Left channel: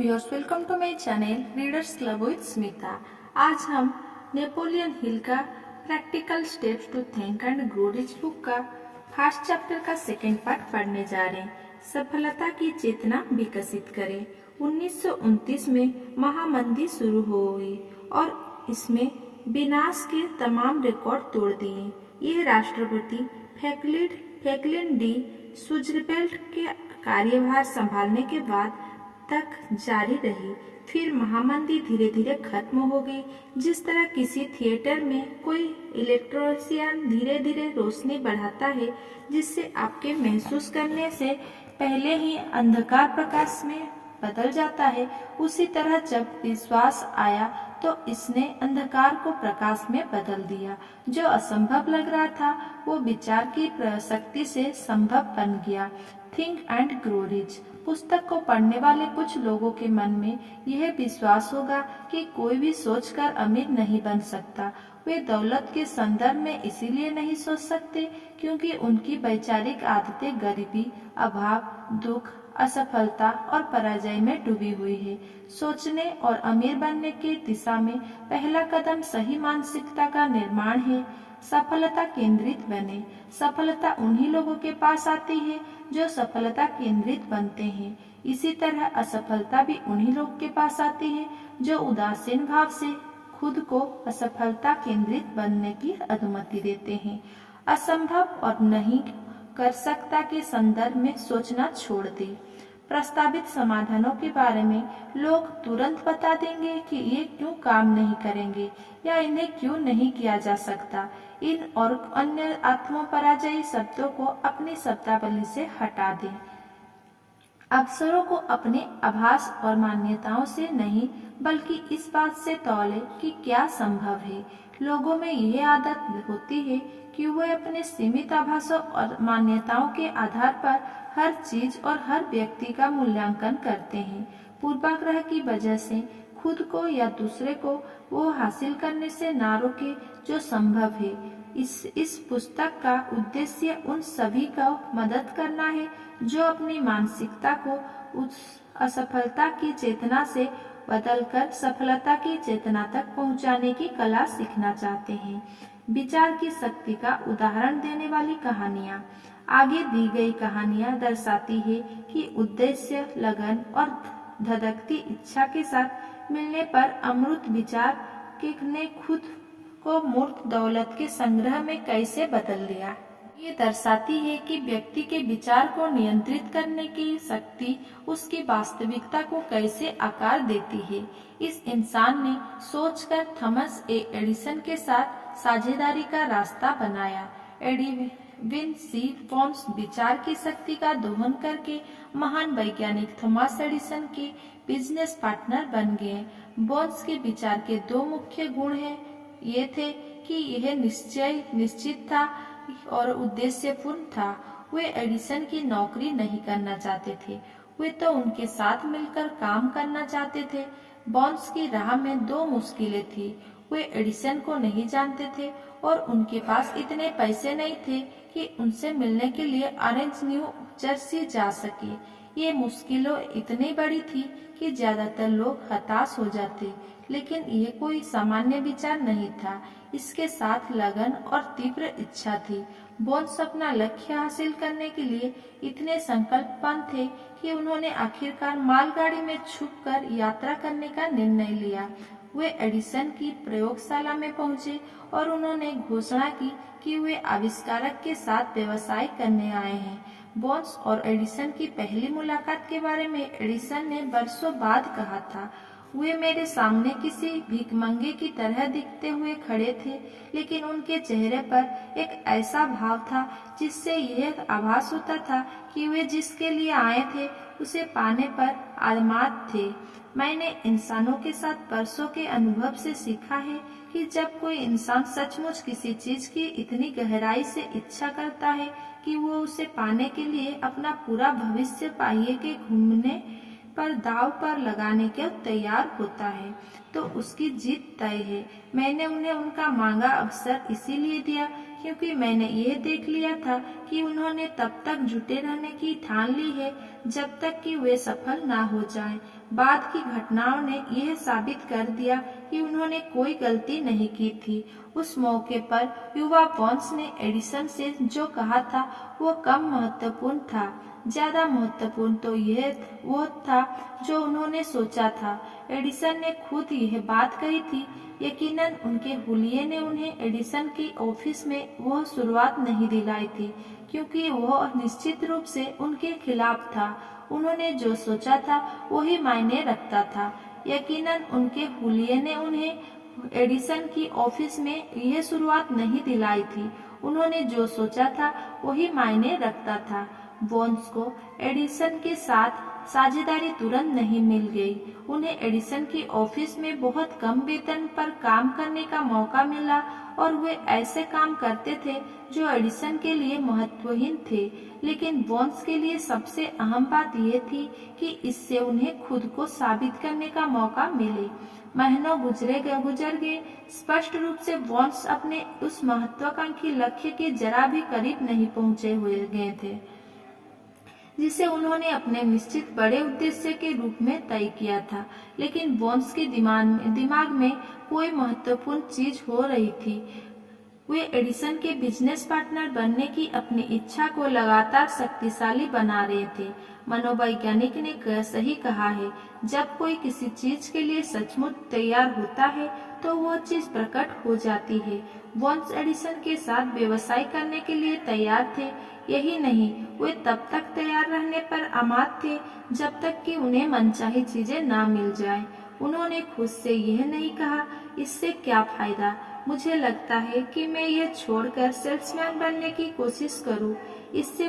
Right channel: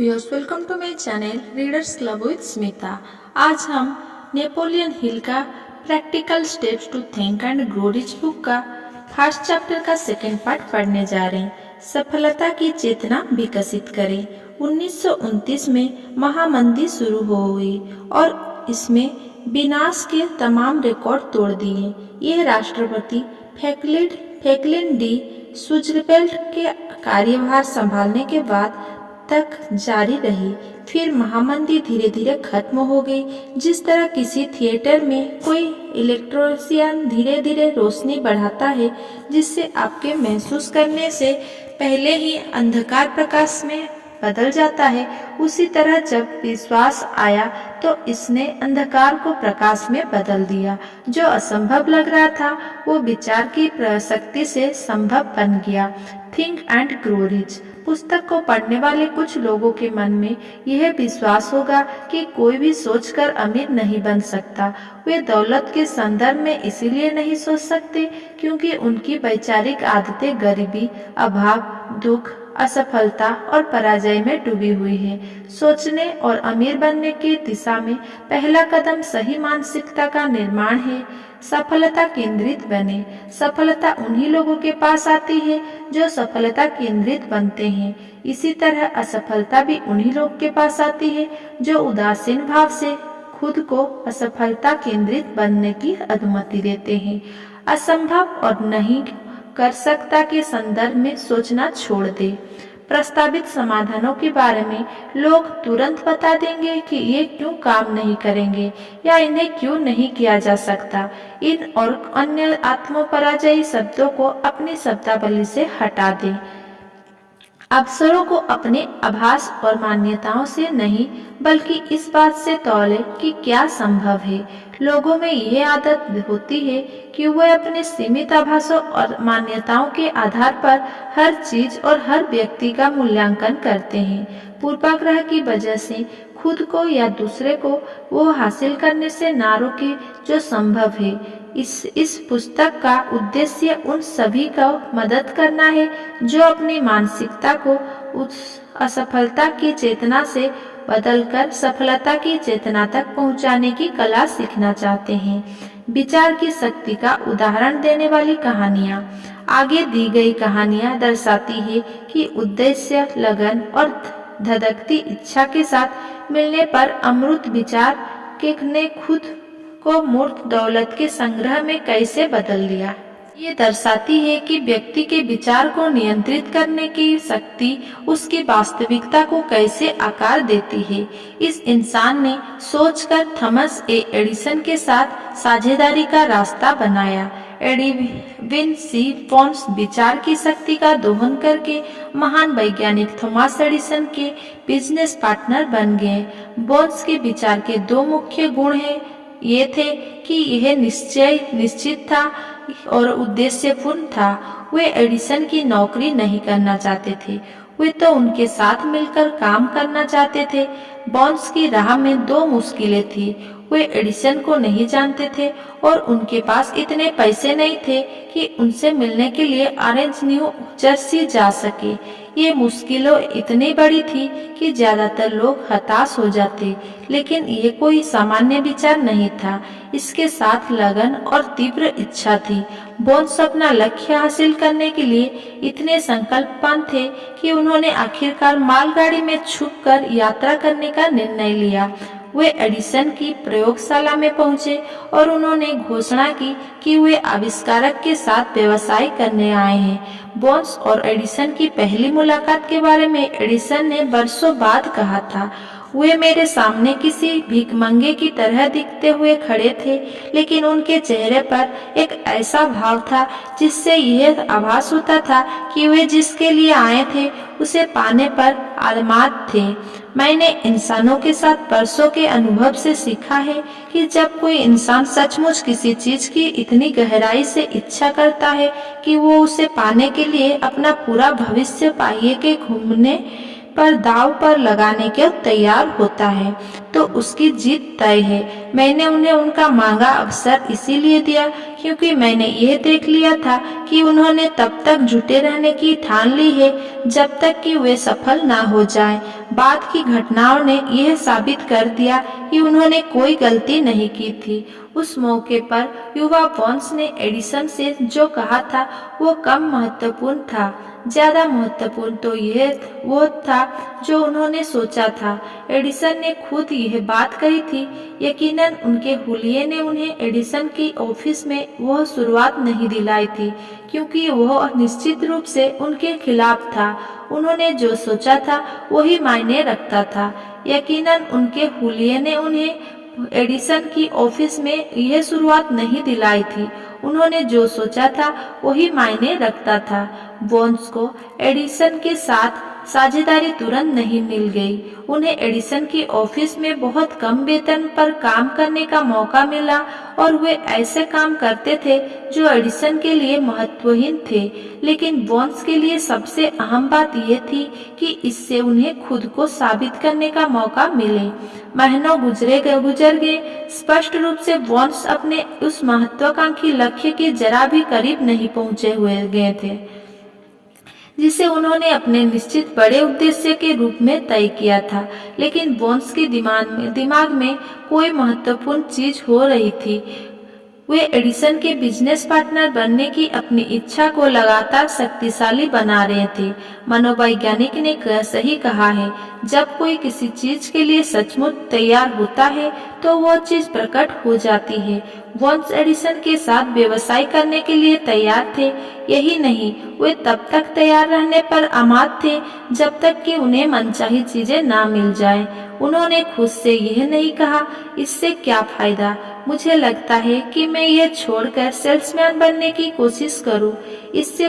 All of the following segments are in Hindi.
Viewers, welcome to my channel readers club with Smita. आज हम नेपोलियन हिल का practical steps to think and grow rich book का फर्स्ट चैप्टर का सेकेंड पार्ट पढ़ने जा रहे हैं। सफलता की चेतना विकसित करें। 1929 में महामंदी शुरू हो गई और इसमें विनाश के तमाम रिकॉर्ड तोड़ दिए। यह राष्ट्रपति फ्रैंकलिन डी रूजवेल्ट के कार्यभार संभालने के बाद तक जारी रही। फिर महामंदी धीरे धीरे खत्म हो गई। जिस तरह किसी थिएटर में कोई इलेक्ट्रीशियन धीरे धीरे रोशनी बढ़ाता है जिससे आपके महसूस करने से पहले ही अंधकार प्रकाश में बदल जाता है, उसी तरह जब विश्वास आया तो इसने अंधकार को प्रकाश में बदल दिया। जो असंभव लग रहा था वो विचार की शक्ति से संभव बन गया। थिंक एंड ग्रो रिच पुस्तक को पढ़ने वाले कुछ लोगों के मन में यह विश्वास होगा कि कोई भी सोचकर अमीर नहीं बन सकता। वे दौलत के संदर्भ में इसीलिए नहीं सोच सकते क्योंकि उनकी वैचारिक आदतें गरीबी, अभाव, दुख, असफलता और पराजय में डूबी हुई है। सोचने और अमीर बनने की दिशा में पहला कदम सही मानसिकता का निर्माण है। सफलता केंद्रित बने। सफलता उन्हीं लोगों के पास आती है जो सफलता केंद्रित बनते हैं। इसी तरह असफलता भी उन्हीं लोगों के पास आती है जो उदासीन भाव से खुद को असफलता केंद्रित बनने की अनुमति देते हैं। असंभव और नहीं कर सकता के संदर्भ में सोचना छोड़ दे। प्रस्तावित समाधानों के बारे में लोग तुरंत बता देंगे कि ये क्यों काम नहीं करेंगे या इन्हें क्यों नहीं किया जा सकता। इन और अन्य आत्मपराजयी शब्दों को अपनी शब्दावली से हटा दें। अवसरों को अपने आभास और मान्यताओं से नहीं बल्कि इस बात से तौले कि क्या संभव है। लोगों में यह आदत होती है कि वे अपने सीमित आभासों और मान्यताओं के आधार पर हर चीज और हर व्यक्ति का मूल्यांकन करते हैं। पूर्वाग्रह की वजह से खुद को या दूसरे को वो हासिल करने से ना रोके जो संभव है। इस पुस्तक का उद्देश्य उन सभी को मदद करना है जो अपनी मानसिकता को उस असफलता की चेतना से बदलकर सफलता की चेतना तक पहुंचाने की कला सीखना चाहते हैं। विचार की शक्ति का उदाहरण देने वाली कहानियाँ। आगे दी गई कहानियाँ दर्शाती है कि उद्देश्य, लगन और धधकती इच्छा के साथ मिलने पर अमृत विचार के ने खुद को मूर्त दौलत के संग्रह में कैसे बदल दिया। ये दर्शाती है कि व्यक्ति के विचार को नियंत्रित करने की शक्ति उसकी वास्तविकता को कैसे आकार देती है। इस इंसान ने सोचकर थॉमस एडिसन के साथ साझेदारी का रास्ता बनाया। एडविन सी पॉन्स विचार की शक्ति का दोहन करके महान वैज्ञानिक थॉमस एडिसन के बिजनेस पार्टनर बन गए। बोन्स के विचार के दो मुख्य गुण हैं। ये थे कि यह निश्चित था और उद्देश्यपूर्ण था। वे एडिसन की नौकरी नहीं करना चाहते थे, वे तो उनके साथ मिलकर काम करना चाहते थे। बॉन्स की राह में दो मुश्किलें थी। वे एडिसन को नहीं जानते थे और उनके पास इतने पैसे नहीं थे कि उनसे मिलने के लिए ऑरेंज न्यू जर्सी जा सके। ये मुश्किलों इतनी बड़ी थी कि ज्यादातर लोग हताश हो जाते, लेकिन ये कोई सामान्य विचार नहीं था। इसके साथ लगन और तीव्र इच्छा थी। बोन्स अपना लक्ष्य हासिल करने के लिए इतने संकल्पवान थे कि उन्होंने आखिरकार मालगाड़ी में छुपकर यात्रा करने का निर्णय लिया। वे एडिसन की प्रयोगशाला में पहुंचे और उन्होंने घोषणा की कि वे आविष्कारक के साथ व्यवसाय करने आए हैं। बोन्स और एडिसन की पहली मुलाकात के बारे में एडिसन ने वर्षों बाद कहा था, वे मेरे सामने किसी भिखमंगे की तरह दिखते हुए खड़े थे, लेकिन उनके चेहरे पर एक ऐसा भाव था जिससे यह आभास होता था कि वे जिसके लिए आए थे उसे पाने पर आलमात थे। मैंने इंसानों के साथ वर्षों के अनुभव से सीखा है कि जब कोई इंसान सचमुच किसी चीज की इतनी गहराई से इच्छा करता है कि वो उसे पाने के लिए अपना पूरा भविष्य पाइए के घूमने पर दाव पर लगाने के तैयार होता है तो उसकी जीत तय है। मैंने उन्हें उनका मांगा अवसर इसीलिए दिया क्योंकि मैंने यह देख लिया था कि उन्होंने तब तक जुटे रहने की ठान ली है जब तक कि वे सफल ना हो जाएं। बाद की घटनाओं ने यह साबित कर दिया कि उन्होंने कोई गलती नहीं की थी। उस मौके पर युवा वॉन्स ने एडिसन से जो कहा था वो कम महत्वपूर्ण था, ज्यादा महत्वपूर्ण तो यह वो था जो उन्होंने सोचा था। एडिसन ने खुद यह बात कही थी। यकीनन उनके हुलिये ने उन्हें एडिसन की ऑफिस में वह शुरुआत नहीं दिलाई थी क्योंकि वह निश्चित रूप से उनके खिलाफ था। उन्होंने जो सोचा था वही मायने रखता था। यकीनन उनके हुलिये ने उन्हें एडिसन की ऑफिस में यह शुरुआत नहीं दिलाई थी। उन्होंने जो सोचा था वही मायने रखता था। वॉन्स को एडिसन के साथ साझेदारी तुरंत नहीं मिल गई। उन्हें एडिसन की ऑफिस में बहुत कम वेतन पर काम करने का मौका मिला और वे ऐसे काम करते थे जो एडिसन के लिए महत्वहीन थे, लेकिन वॉन्स के लिए सबसे अहम बात यह थी कि इससे उन्हें खुद को साबित करने का मौका मिले। महीनों गुजर गए। स्पष्ट रूप से वॉन्स अपने उस महत्वाकांक्षी लक्ष्य के जरा भी करीब नहीं पहुंचे हुए गए थे जिसे उन्होंने अपने निश्चित बड़े उद्देश्य के रूप में तय किया था। लेकिन वॉन्स के दिमाग में कोई महत्वपूर्ण चीज हो रही थी। वे एडिसन के बिजनेस पार्टनर बनने की अपनी इच्छा को लगातार शक्तिशाली बना रहे थे। मनोवैज्ञानिक ने सही कहा है, जब कोई किसी चीज के लिए सचमुच तैयार होता है तो वह चीज प्रकट हो जाती है। वॉन्स एडिसन के साथ व्यवसाय करने के लिए तैयार थे। यही नहीं, वे तब तक तैयार रहने पर आमाद थे जब तक कि उन्हें मनचाही चीजें ना मिल जाए। उन्होंने खुद से यह नहीं कहा, इससे क्या फायदा, मुझे लगता है कि मैं यह छोड़कर सेल्समैन बनने की कोशिश करूं। इसके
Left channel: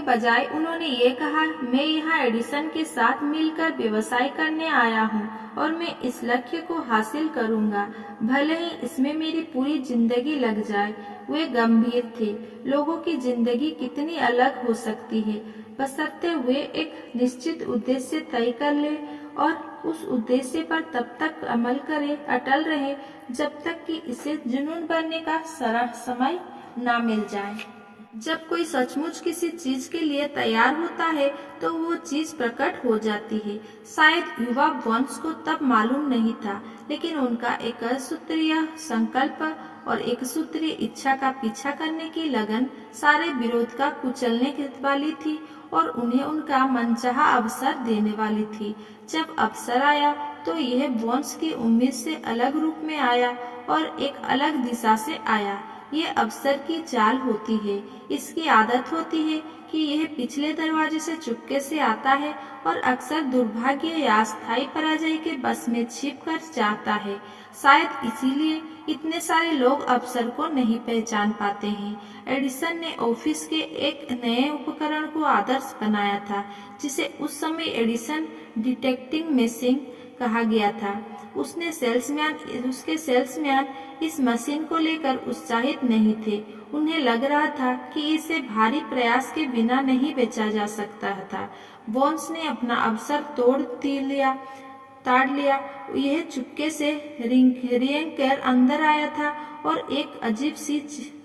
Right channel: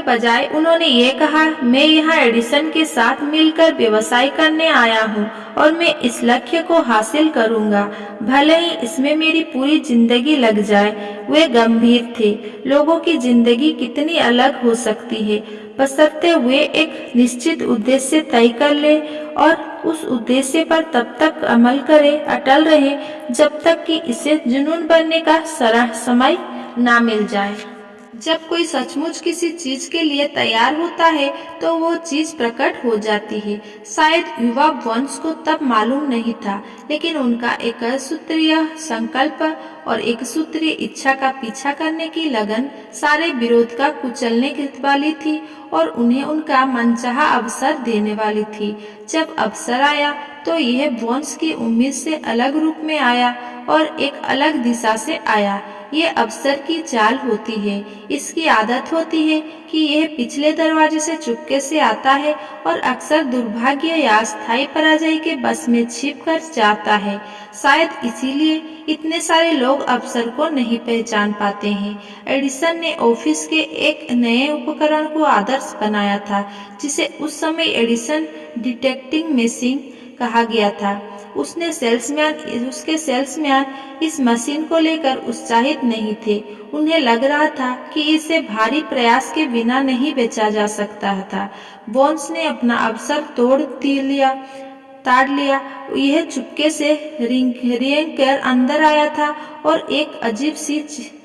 बजाय उन्होंने ये कहा, मैं यहाँ एडिसन के साथ मिलकर व्यवसाय करने आया हूँ और मैं इस लक्ष्य को हासिल करूँगा, भले ही इसमें मेरी पूरी जिंदगी लग जाए। वे गंभीर थे। लोगों की जिंदगी कितनी अलग हो सकती है, बशर्ते वे एक निश्चित उद्देश्य तय कर ले और उस उद्देश्य पर तब तक अमल करे, अटल रहे जब तक कि इसे जुनून बनने का समय ना मिल जाए। जब कोई सचमुच किसी चीज के लिए तैयार होता है तो वो चीज प्रकट हो जाती है। शायद युवा वंश को तब मालूम नहीं था, लेकिन उनका एक सूत्रीय संकल्प और एक सूत्रीय इच्छा का पीछा करने की लगन सारे विरोध का कुचलने वाली थी और उन्हें उनका मनचाहा अवसर देने वाली थी। जब अवसर आया तो यह वंश की उम्मीद से अलग रूप में आया और एक अलग दिशा से आया। ये अवसर की चाल होती है। इसकी आदत होती है कि यह पिछले दरवाजे से चुपके से आता है और अक्सर दुर्भाग्य या अस्थायी पराजय के बस में छिप कर जाता है। शायद इसीलिए इतने सारे लोग अवसर को नहीं पहचान पाते हैं। एडिसन ने ऑफिस के एक नए उपकरण को आदर्श बनाया था जिसे उस समय एडिसन डिटेक्टिंग मशीन कहा गया था। उसके सेल्समैन इस मशीन को लेकर उत्साहित नहीं थे। उन्हें लग रहा था कि इसे भारी प्रयास के बिना नहीं बेचा जा सकता था। वॉन्स ने अपना अवसर ताड़ लिया। यह चुपके से रेंग कर अंदर आया था और एक अजीब सी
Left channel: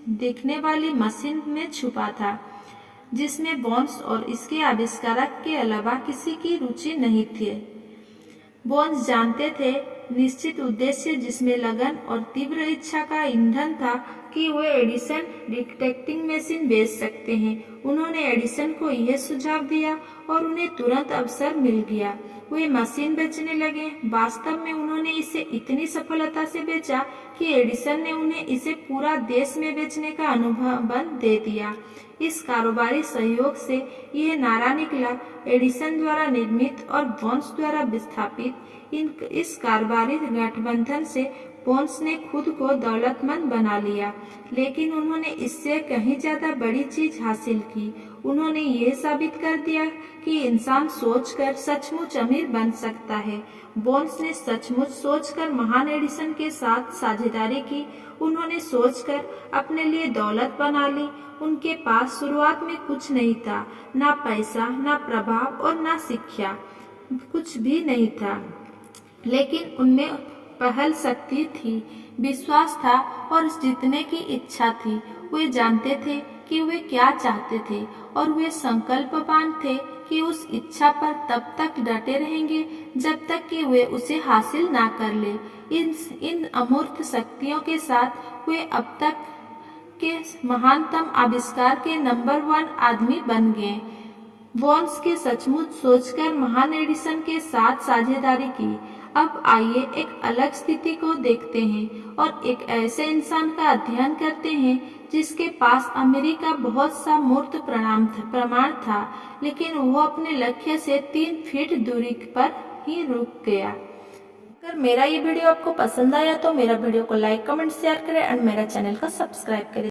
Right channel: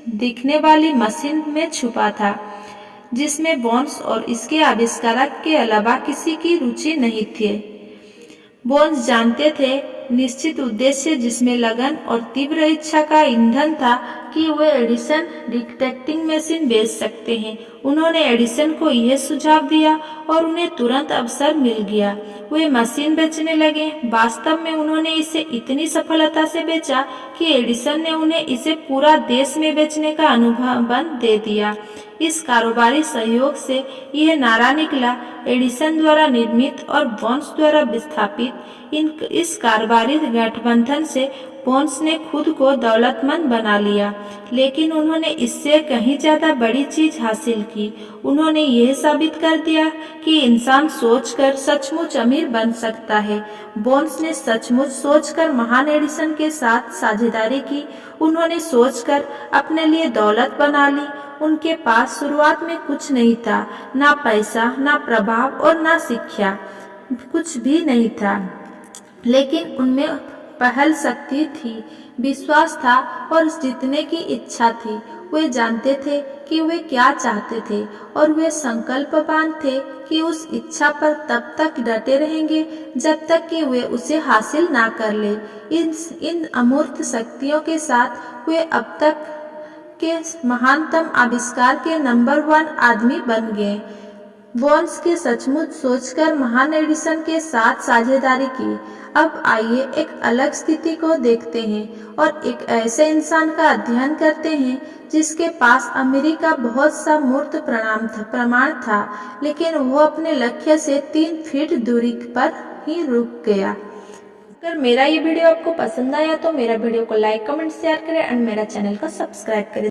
दिखने वाली मशीन में छुपा था जिसमें वॉन्स और इसके आविष्कारक के अलावा किसी की रुचि नहीं थी। वॉन्स जानते थे निश्चित उद्देश्य जिसमें लगन और तीव्र इच्छा का ईंधन था कि वे एडिसन डिटेक्टिंग मशीन बेच सकते हैं। उन्होंने एडिसन को यह सुझाव दिया और उन्हें तुरंत अवसर मिल गया। वे मशीन बेचने लगे। वास्तव में उन्होंने इसे इतनी सफलता से बेचा कि एडिसन ने उन्हें इसे पूरा देश में बेचने का अनुबंध दे दिया। इस कारोबारी सहयोग से यह नारा निकला, एडिसन द्वारा निर्मित और वॉन्स द्वारा विस्थापित इस कारोबारी गठबंधन से बोन्स ने खुद को दौलतमंद बना लिया, लेकिन उन्होंने इससे कहीं ज्यादा बड़ी चीज हासिल की। उन्होंने यह साबित कर दिया कि इंसान सोचकर सचमुच अमीर बन सकता है। बोन्स ने सचमुच सोचकर महान एडिसन के साथ साझेदारी की। उन्होंने सोचकर अपने लिए दौलत बना ली। उनके पास शुरुआत में कुछ नहीं था, ना पैसा, ना प्रभाव और ना शिक्षा, कुछ भी नहीं था, लेकिन उनमें पहल शक्ति थी, विश्वास था और जीतने की इच्छा थी। वे जानते थे कि वे क्या चाहते थे और वे संकल्पवान थे कि उस इच्छा पर तब तक डटे रहेंगे जब तक कि वे उसे हासिल ना कर ले। इन अमूर्त शक्तियों के साथ वे अब तक के महानतम आविष्कार के नंबर 1 आदमी बन गए। बोन्स के सचमुच सोचकर महान एडिसन के साथ साझेदारी की। अब आइए एक अलग स्थिति को देखते हैं और एक ऐसे इंसान का अध्ययन करते हैं जिसके पास अमीरी का बहुत सा मूर्त प्रमाण था, लेकिन वो अपने लक्ष्य से 3 फीट दूरी पर ही रुक गया। अगर मेरा ये वीडियो आपको पसंद आया तो मेरा वीडियो को लाइक, कमेंट, शेयर करें और मेरा चैनल को सब्सक्राइब करें।